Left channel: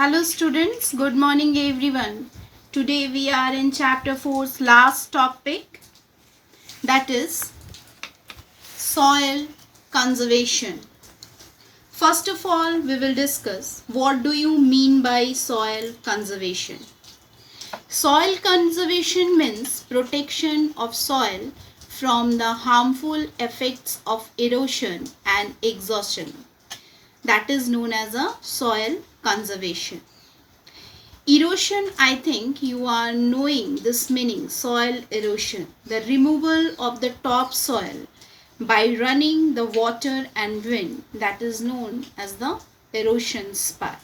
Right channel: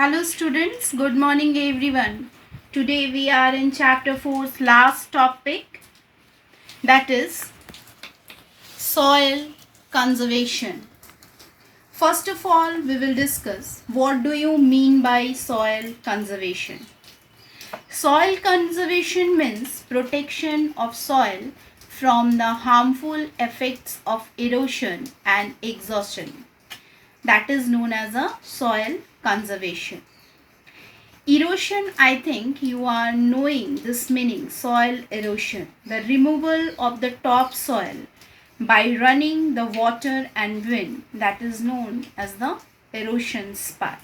Hello students, good morning everyone. Today we are in chapter 4's last topic, that is soil conservation. First of all, we will discuss what do you mean by soil conservation. Soil conservation means protection of soil from the harmful effects of erosion and exhaustion. That is known as a soil conservation. Erosion, I think you are knowing this meaning, soil erosion, the removal of the topsoil by running the water and wind, that is known as the erosion spot.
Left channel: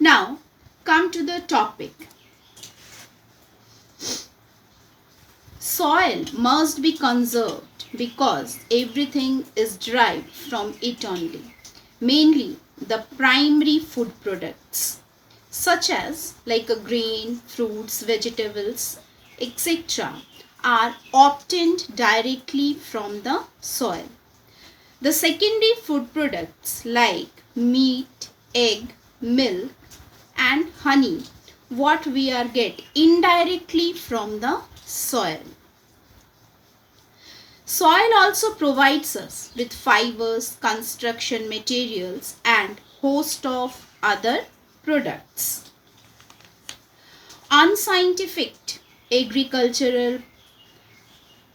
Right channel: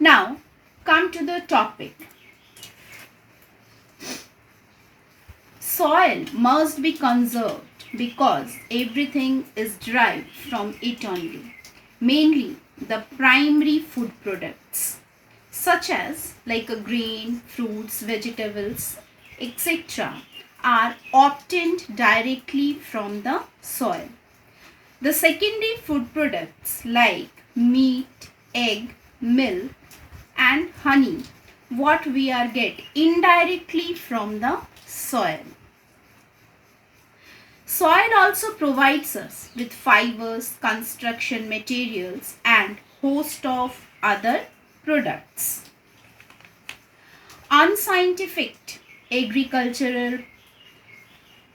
Now, come to the topic. Soil must be conserved because everything is derived from it only, mainly the primary food products such as like a grain, fruits, vegetables, etc. are obtained directly from the soil. The secondary food products like meat, egg, milk and honey, what we are get indirectly from the soil. Soil also provides us with fibers, construction materials and host of other products. Unscientific agricultural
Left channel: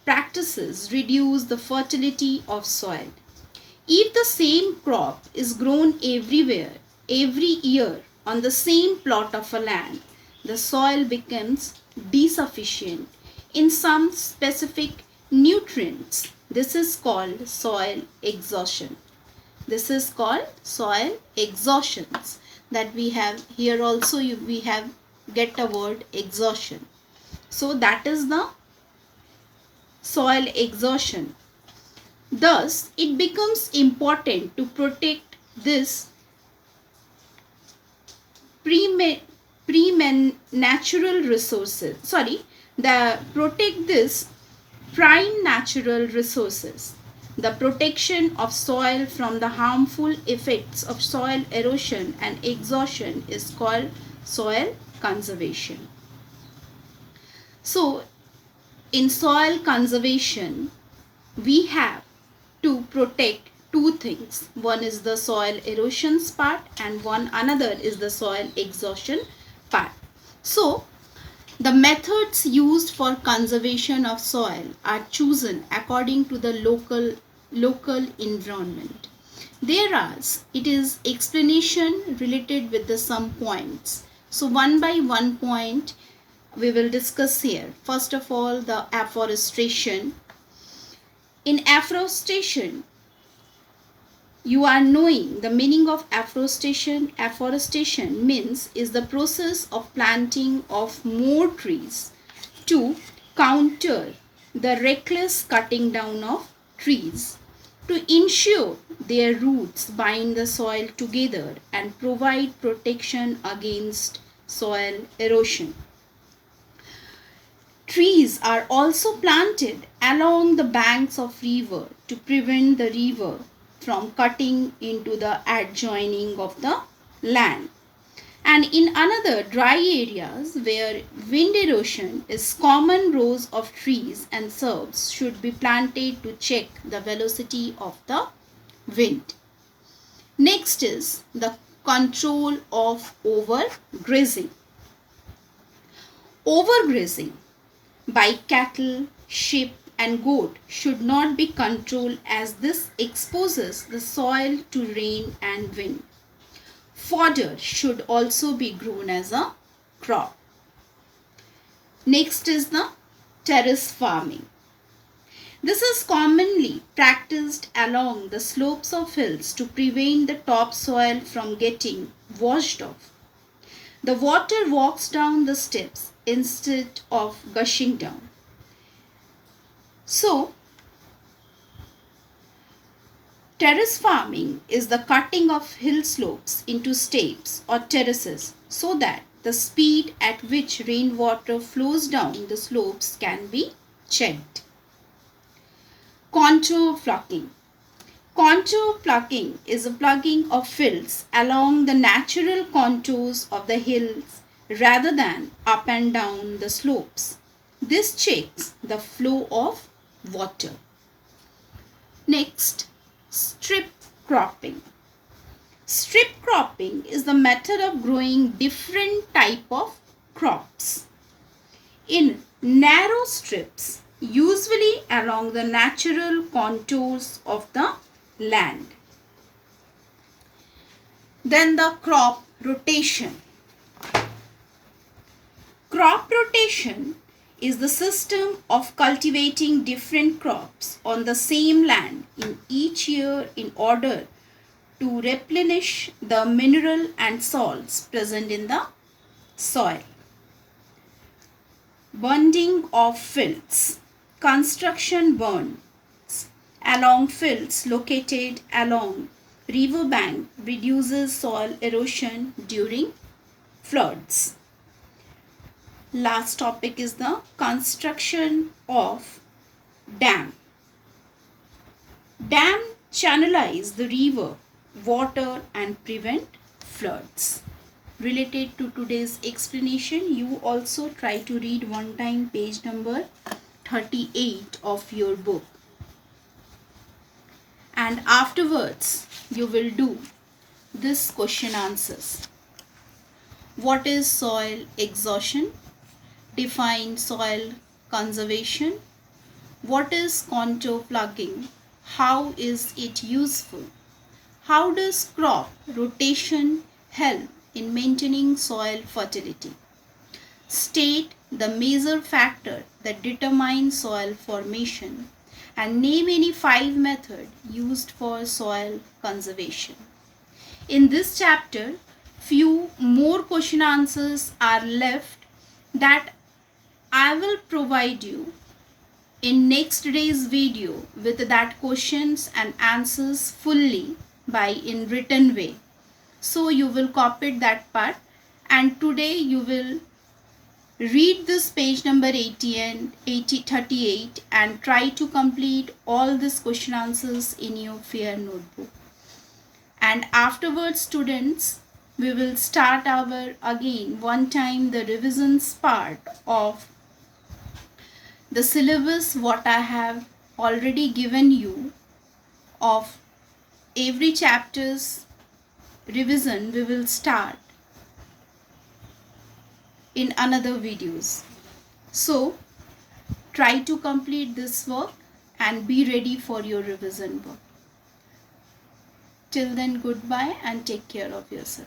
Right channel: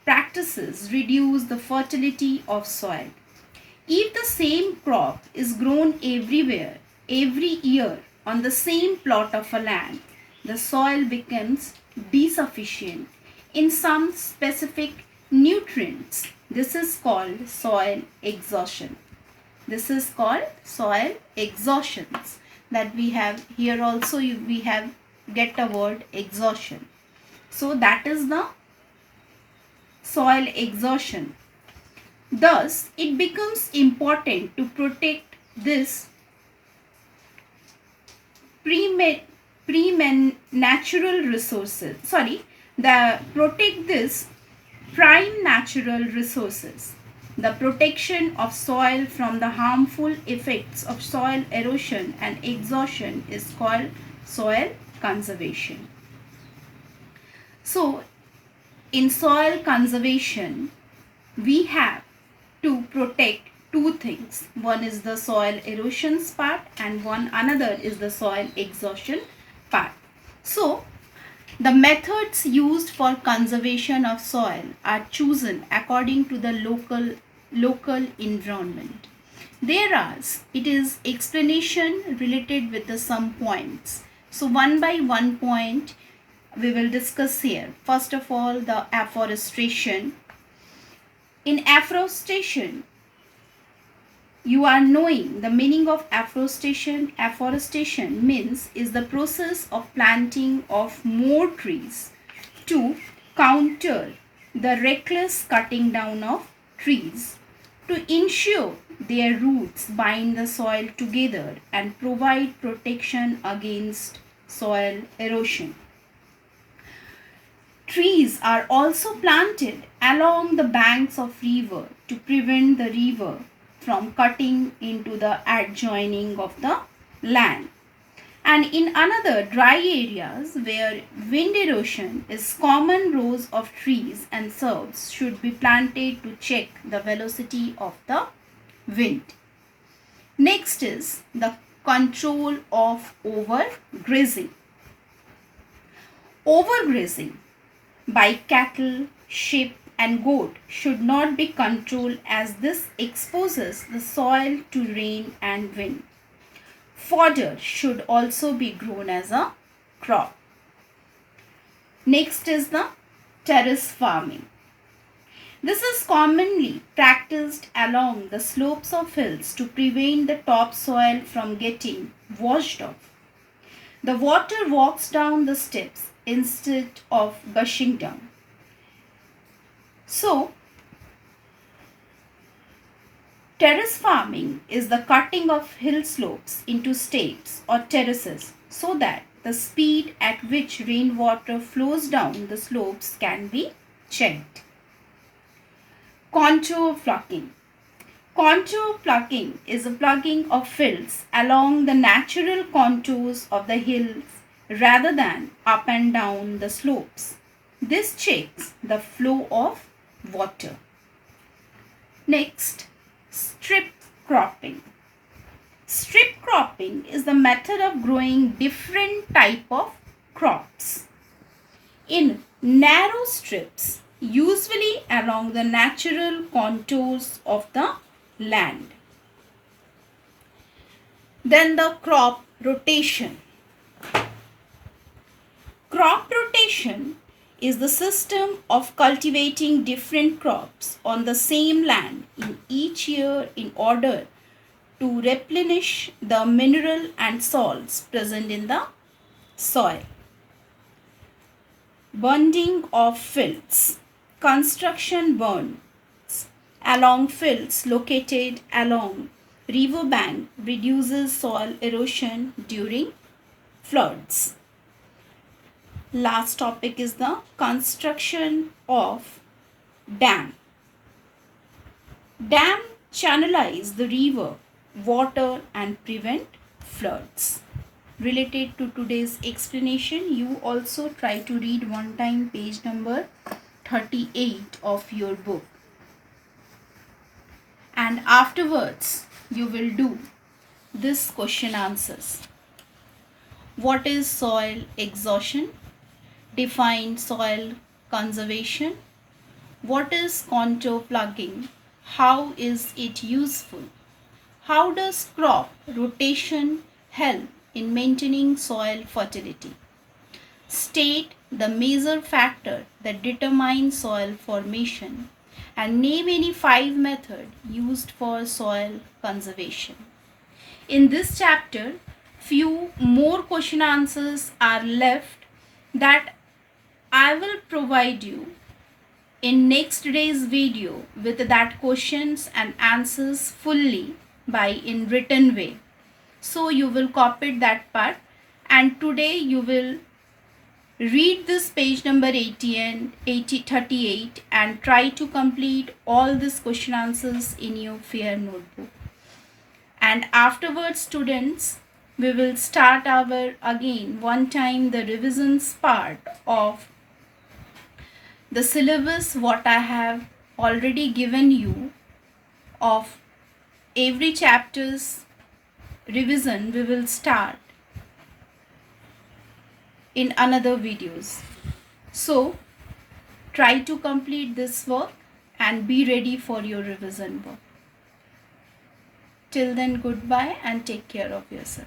practices reduce the fertility of soil. If the same crop is grown everywhere, every year on the same plot of a land, the soil becomes deficient in some specific nutrients. This is called soil exhaustion. This is called soil exhaustions. That we have here also we have get a word exhaustion. So that is the soil exhaustion. Thus, it becomes important to protect this natural resources. Protect this prime natural resources. The protection of soil from the harmful effects of soil erosion and exhaustion is called soil conservation. So, in soil conservation, we have to protect two things. One is the soil erosion part and another is the soil exhaustion part. So, the methods used for conservation of soil are chosen according to the local environment. It is explanation related with the some points. So one by one point we will discuss here. First of all, the afforestation. In afforestation, you are knowing the meaning of afforestation. Afforestation means is the process of planting of more trees to counter the reckless cutting down of trees, to ensure their roots bind the soil together and provide protection against soil erosion. Trees are also planted along the banks of river to prevent the river from cutting into the adjoining of the land. And in another dry areas where wind erosion is common, rows of trees and shrubs should be planted to check the velocity of the wind. Next is the control of overgrazing. Overgrazing by cattle, sheep and goat should not be controlled as this exposes the soil to rain and wind. Fodder should also be grown as a crop. Next is the terrace farming. This is commonly practiced along the slopes of hills to prevent the topsoil from getting washed off. The water walks down the steps instead of gushing down. So, terrace farming is the cutting of hill slopes into steps or terraces so that the speed at which rainwater flows down the slopes can be checked. Contour flocking. Contour plugging is a plugging of fields along the natural contours of the hills rather than up and down the slopes. This checks the flow of water. Next, strip cropping. Strip cropping is the method of growing different type of crops in narrow strips, usually along the natural contours of the land. Then the crop rotation. Crop rotation is the system of cultivating different crops on the same land in each year in order to replenish the mineral and salts present in the soil. Bunding of fields. Construction burns along fields located along riverbank reduces soil erosion during floods. Last topic is the construction of dam. Dam channelize the river water and prevent floods. Related to today's explanation, you also try to read one time page number 38 of your book. And afterwards, you will do this question answers. What is soil exhaustion? Define soil conservation. What is contour plugging? How is it useful? How does crop rotation help in maintaining soil fertility? State the major factor that determine soil formation and name any 5 methods used for soil conservation. In this chapter, few more question answers are left that I will provide you in next day's video with that questions and answers fully by in written way. So you will copy that part, and today you will read this page number 38 and try to complete all these question answers in your fair notebook. And afterwards, students, we will start our again one time the revisions part of the syllabus what I have already given you of every chapter's revision. We will start in another videos. So try to complete this work and be ready for your revision work. Till then, goodbye and take care of yourself.